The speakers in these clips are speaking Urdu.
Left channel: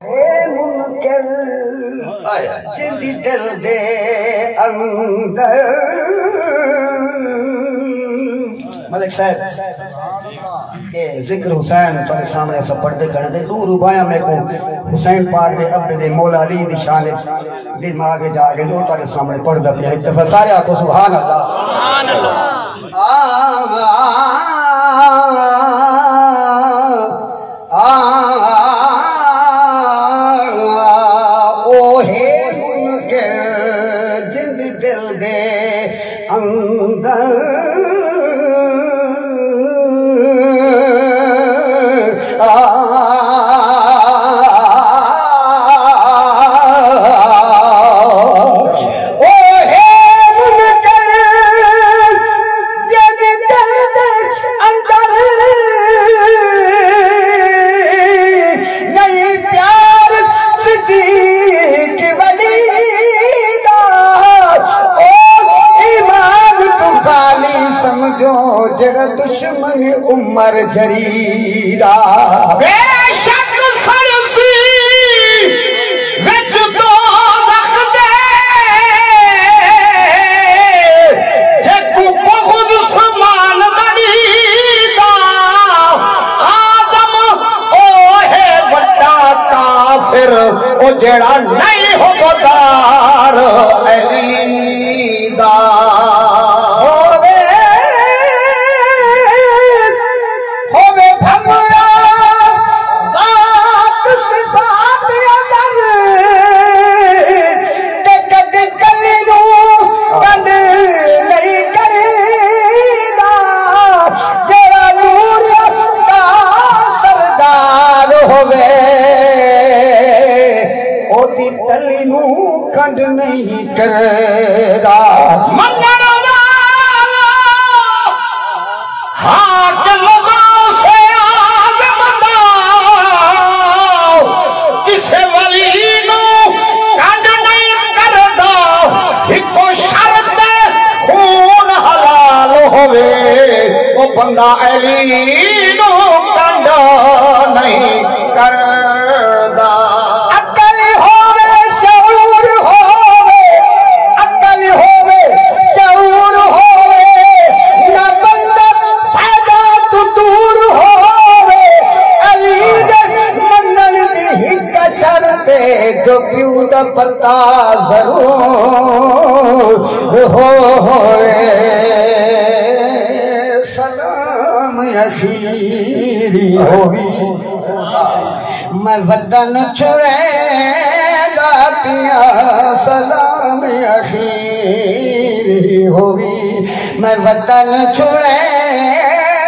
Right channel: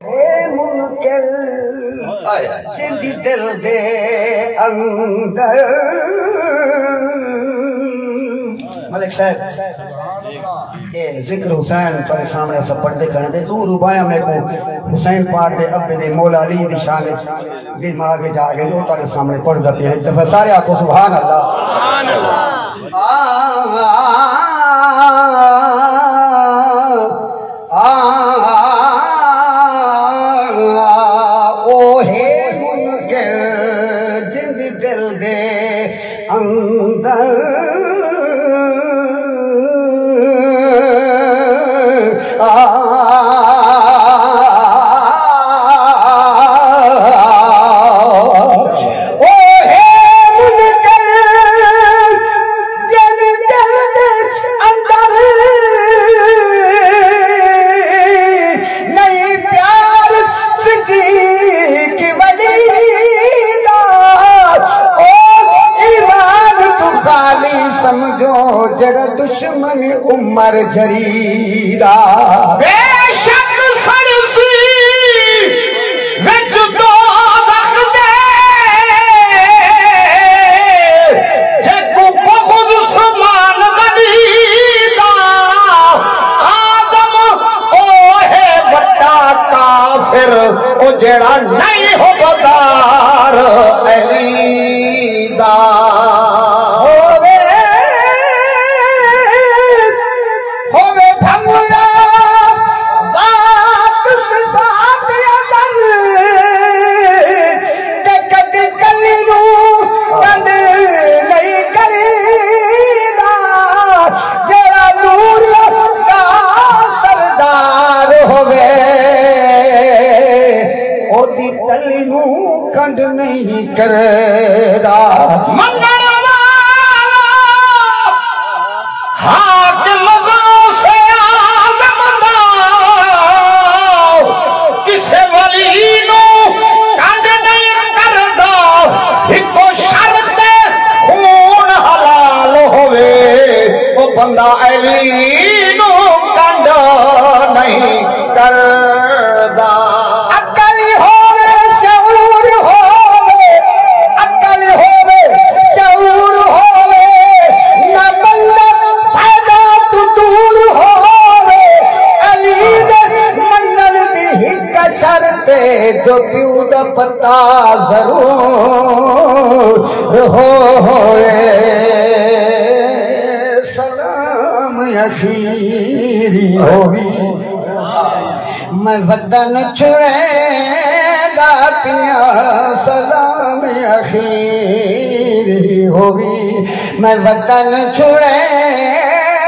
منکر جندی دل دے اندر ملک صاحب ذکر حسین تھوڑے سامنے ایسا پڑھتے کھڑے تھے دور روبایا میں کو حسین پاک دے ابے دے مولا علی دی شان دماغ جا کے جو تھوڑے سامنے پڑھتا پیا ایک دفعہ سارے آتو سبحان اللہ سبحان اللہ دشمن عمر جریدہ بے شک سرسی وچ دو وقت دے جکو بہت سمان بنیدہ آدم اوہے وٹا کافر او جڑا نہیں ہو بدار علیدہ کنڈ نہیں کردہ منن والا حاکم سے آزم دا کسے ولی نو کنڈ نہیں کردہ ہکو شرط خون حلال ہوئے وہ بندہ علی نو کنڈ نہیں کردہ جو پیو دا پتا ضرور ہوئے سلام اخیری ہوئی میں وطن چھوڑے گا پیا سلام اخیری ہوئی میں وطن چھوڑے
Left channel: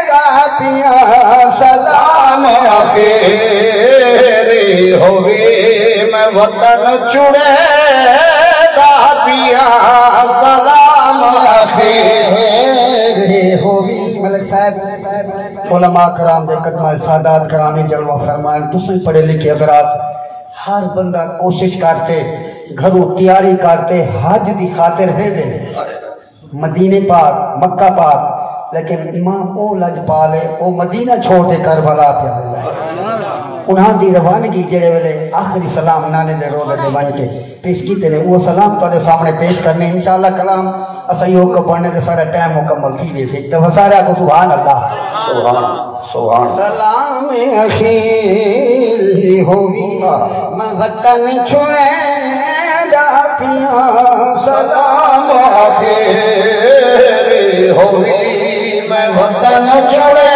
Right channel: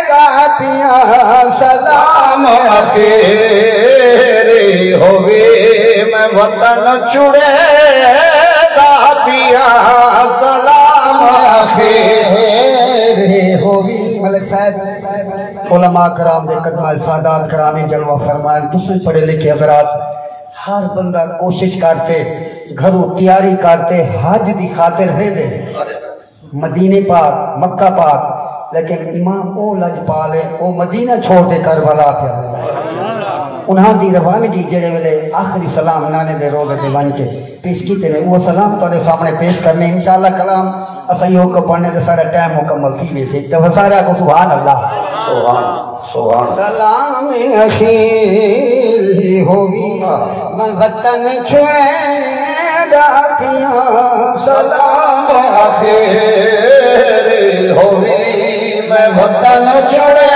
گا پیا سلام اخیری ہوئی وطن چڑے گا پیا سلام آخری ہوگی ملک صاحب علماء کرام دے قدمہ سادات کرامی جلوہ فرمائیں تسے پڑھے لکھے حضرات ہر بندہ کوشش کرتے گھروں تیاری کرتے حج دی خاطر ہے دے مدینہ پاک مکہ پاک لیکن امام او لج پالے او مدینہ چھوڑ دے کربلا پیا انہاں دی روانگی جڑے ویلے آخری سلام نانے دے روزے دے ون کے پیش کیتے نے وہ سلام تواڈے سامنے پیش کرنے انشاءاللہ کلام اساں یو کو پڑھنے تے سارا ٹائم مکمل تھی ویسے تے سارا کو سبحان اللہ سبحان سبحان سلام اخیری ہوئی میں وطن چھوڑے گا پیا سلام اخیری ہوئی میں وطن چھوڑے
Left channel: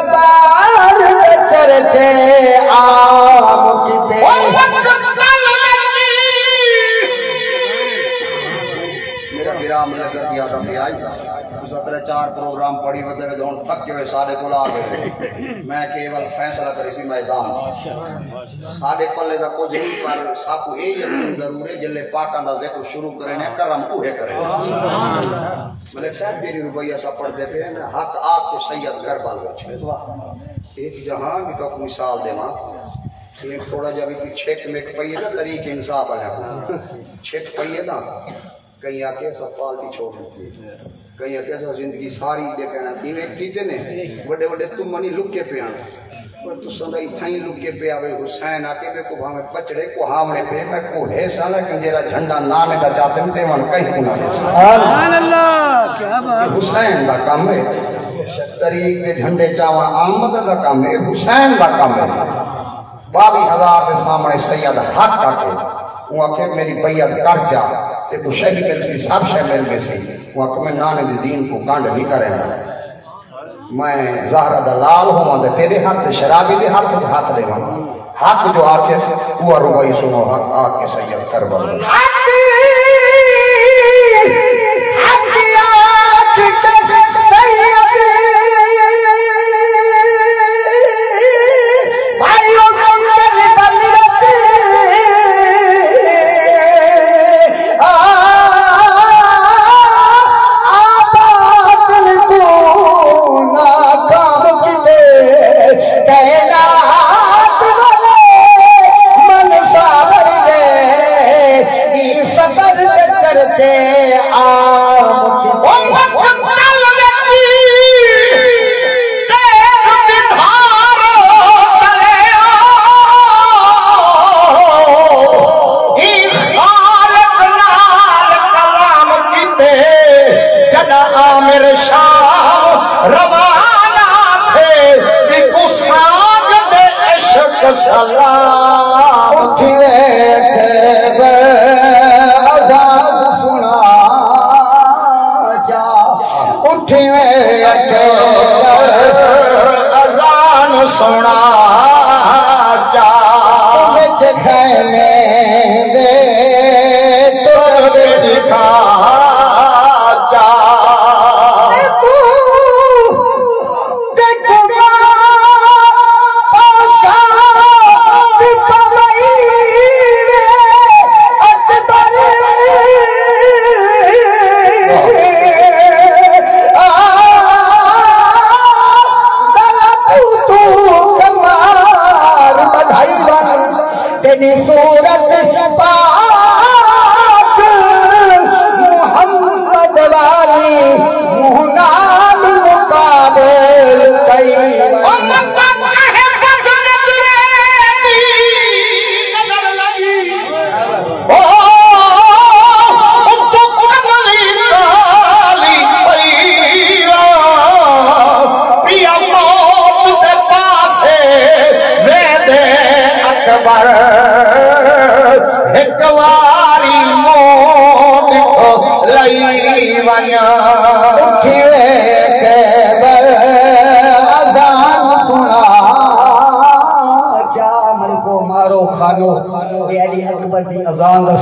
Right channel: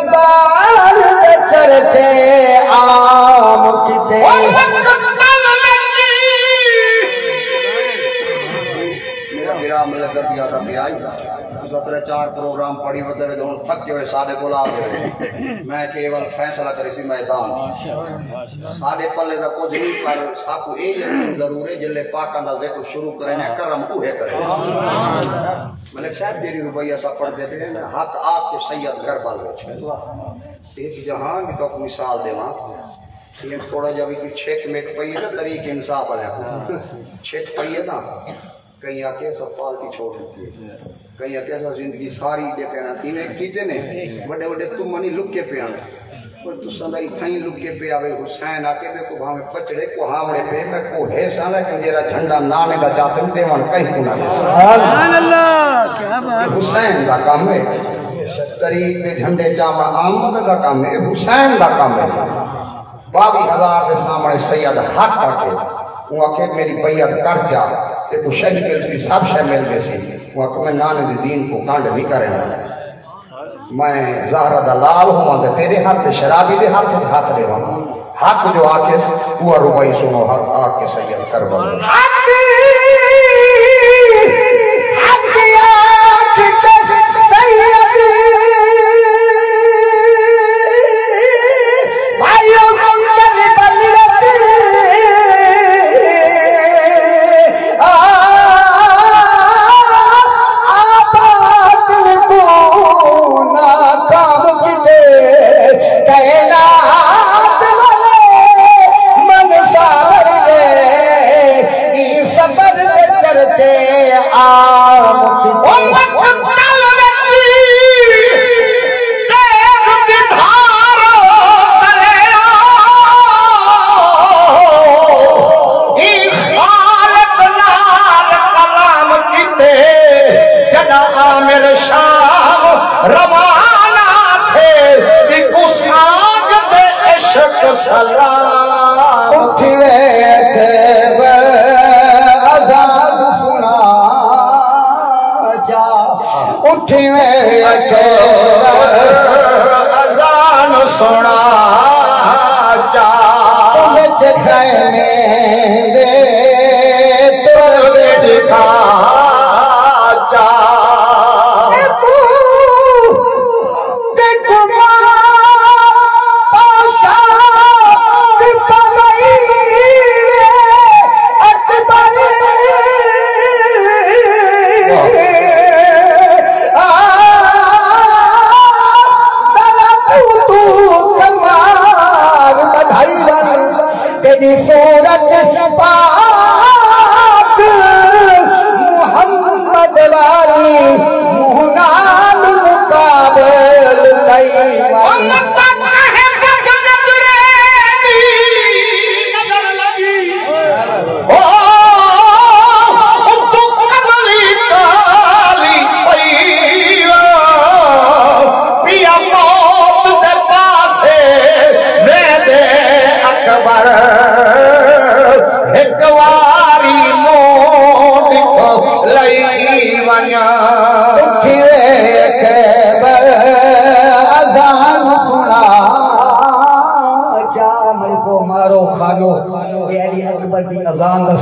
زبان دے چرچے عام کیتے میرا گرام لگر دیا تھا بھی آئی سترہ چار پروگرام پڑھی بدے ہوئے ہوں تھک ہوئے سادے کو لا گئے میں کیول فیصلہ کری سی میدان سادے پلے دا کچھ نہیں پر ساکو اے یقین ضرور ہے جلے پاکاں دا ذکر شروع کریں کرم اوہے کریں ملک صاحب دیری روبیہ سا پڑھ دیتے ہیں حق آپ کو سید کربل ایک جہاں بھی تو مثال دے ماں تھوڑا جب کی چھک میں پئی ہے نا طریق انصاف علیہ چھک پئی ہے نا کہیں آکے سب پالتی چھوڑ دیتی ہے کہیں آکے سب زندگی ساری دے کہنا تینے کیتے نے بڑے بڑے تم منی لکے پہ آنے پر تو سندہ اتھائیں لکے پہ آوے حسین آکے بے کو بھامے پچڑے کو ہامڑے پہ میں کو ہے سانا کہ جیرا جھنڈا نامے دا جاتے ہیں پیوان کہیں کنا ہے سبحان اللہ کیا بات حسین دا کام ہے طریق دے جھنڈے جامع آمد دا کام ہے حسین دا کام ہے 22,000 دے سامنے سید حق آکے وہ آکے میری بیعت کر جا تے تو شہی مل سی سب شہ مل گئے سی وہ آکے میں نانے دی دین کو کانڈ نہیں کرے نا میں زہرہ دا لال ہوں دے تیرے ہاتھ شرابی دے ہاتھ لے ہوں حق جو آکے سے وہ روائی سنو حق آکے سید کربل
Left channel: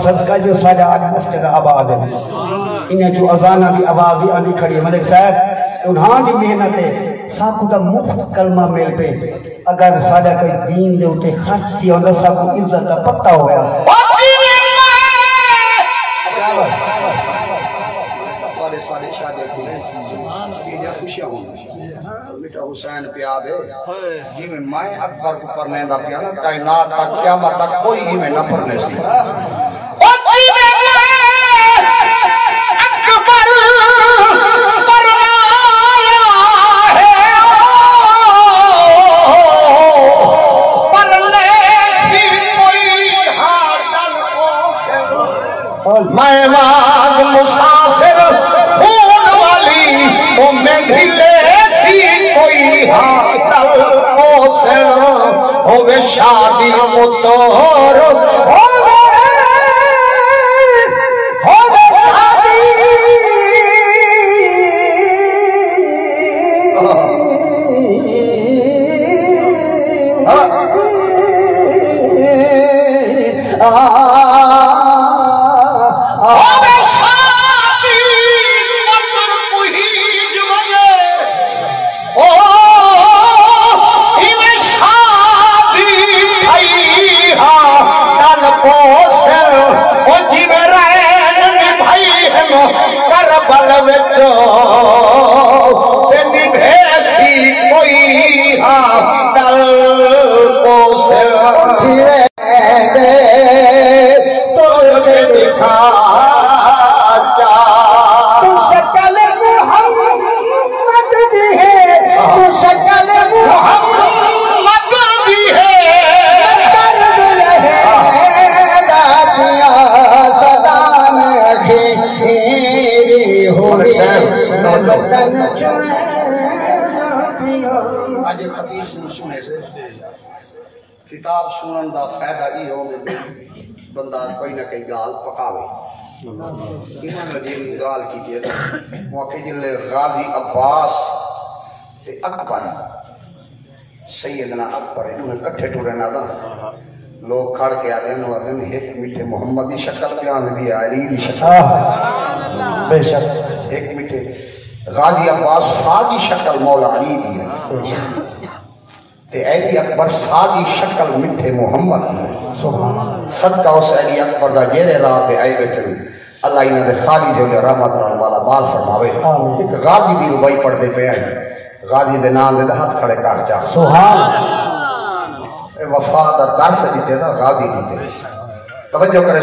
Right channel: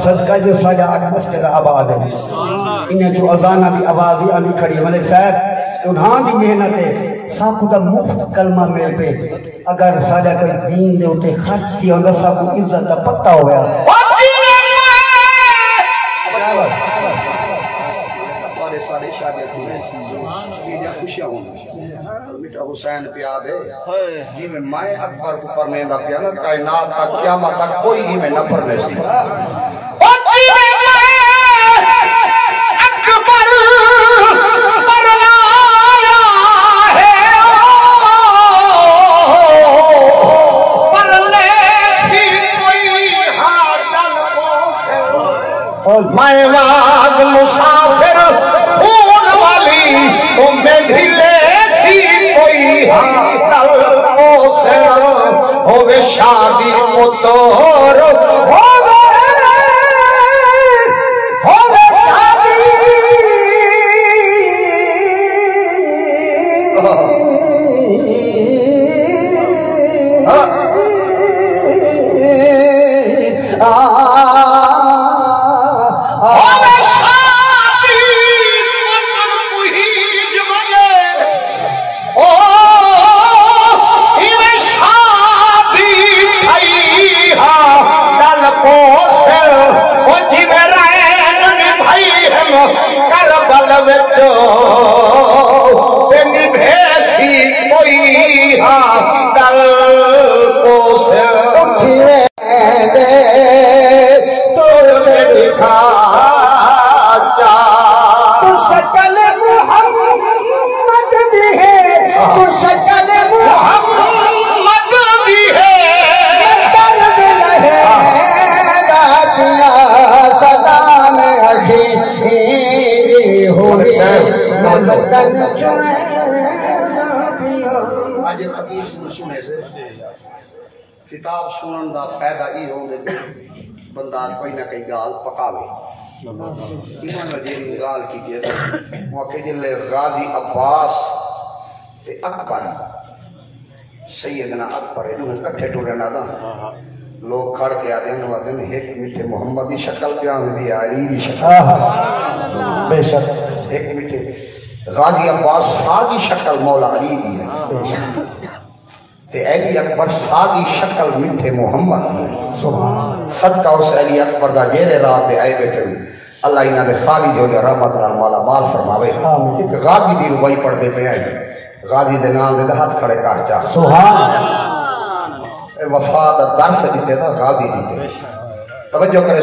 صدقہ جو ساجہ آگا مسجد آباد ہے انہیں جو ازانہ دی آوازی آنی کھڑی ملک صاحب انہاں دی محنت ہے ساکھو دا مفت کلمہ مل پہ اگر ساجہ کوئی دین دے ہوتے خرچ تھی ہوندہ ساکھو عزت کا پتہ ہویا سارے شاگرد ہوئے یہ خوشیاں ہوں بیٹا حسین پیاد ہے جی میں اکبر کو پڑھنے دا پیانا کائنات تک قیامت تک کوئی ہی میں نہ پڑھنے سی میں واگ مسافر خون والی وہ میں گھلے سی کوئی حاکل موسر ہوئے شادی مطور ہوئے شادی کوسل او جی میرا بھائی ہم کربل وچو تیری بھیسی کوئی ہاں کل کوسل پھرے دے توڑ میں دکھا چا تو شکل محمد بھی ہے تو شکل محمد بھی ہے درد لہے دیا صدا میں اخیری ہوئی بدن چنے آج خطیب سنے سے کتاب سنن دا فائدہ یہ ہو کہ بندہ کوئی نہ کوئی گال پکاوے انہوں نے جیلی گال کی تھی موقع جلے غازی عباس تے اکبر سیدنا اکبر انہوں نے کٹھے ٹورے نہ دا لوگ کھڑ کے آتے ہیں وہ دن ایک میٹھے محمد دی شکل پیان دی علی دی شکل بے شک ایک میٹھے غازی عباس ساگی شکل مولا علی دی ہے تے علی اکبر ساگی شکل میٹھے محمد دی ہے صدقہ اس علی اکبر دا جیرے رات دے آئے بیٹھے ہوئی اللہ انہاں دے خالی جو لے رحمت نال والا مال فرماوے ایک غازی دی ربائی پڑھ دے پہ آئے غازی دے نام دے ہاتھ کھڑے کاٹ چاہ سبحان وفا دا درس دیتے دا غازی دیتے توجہ کرے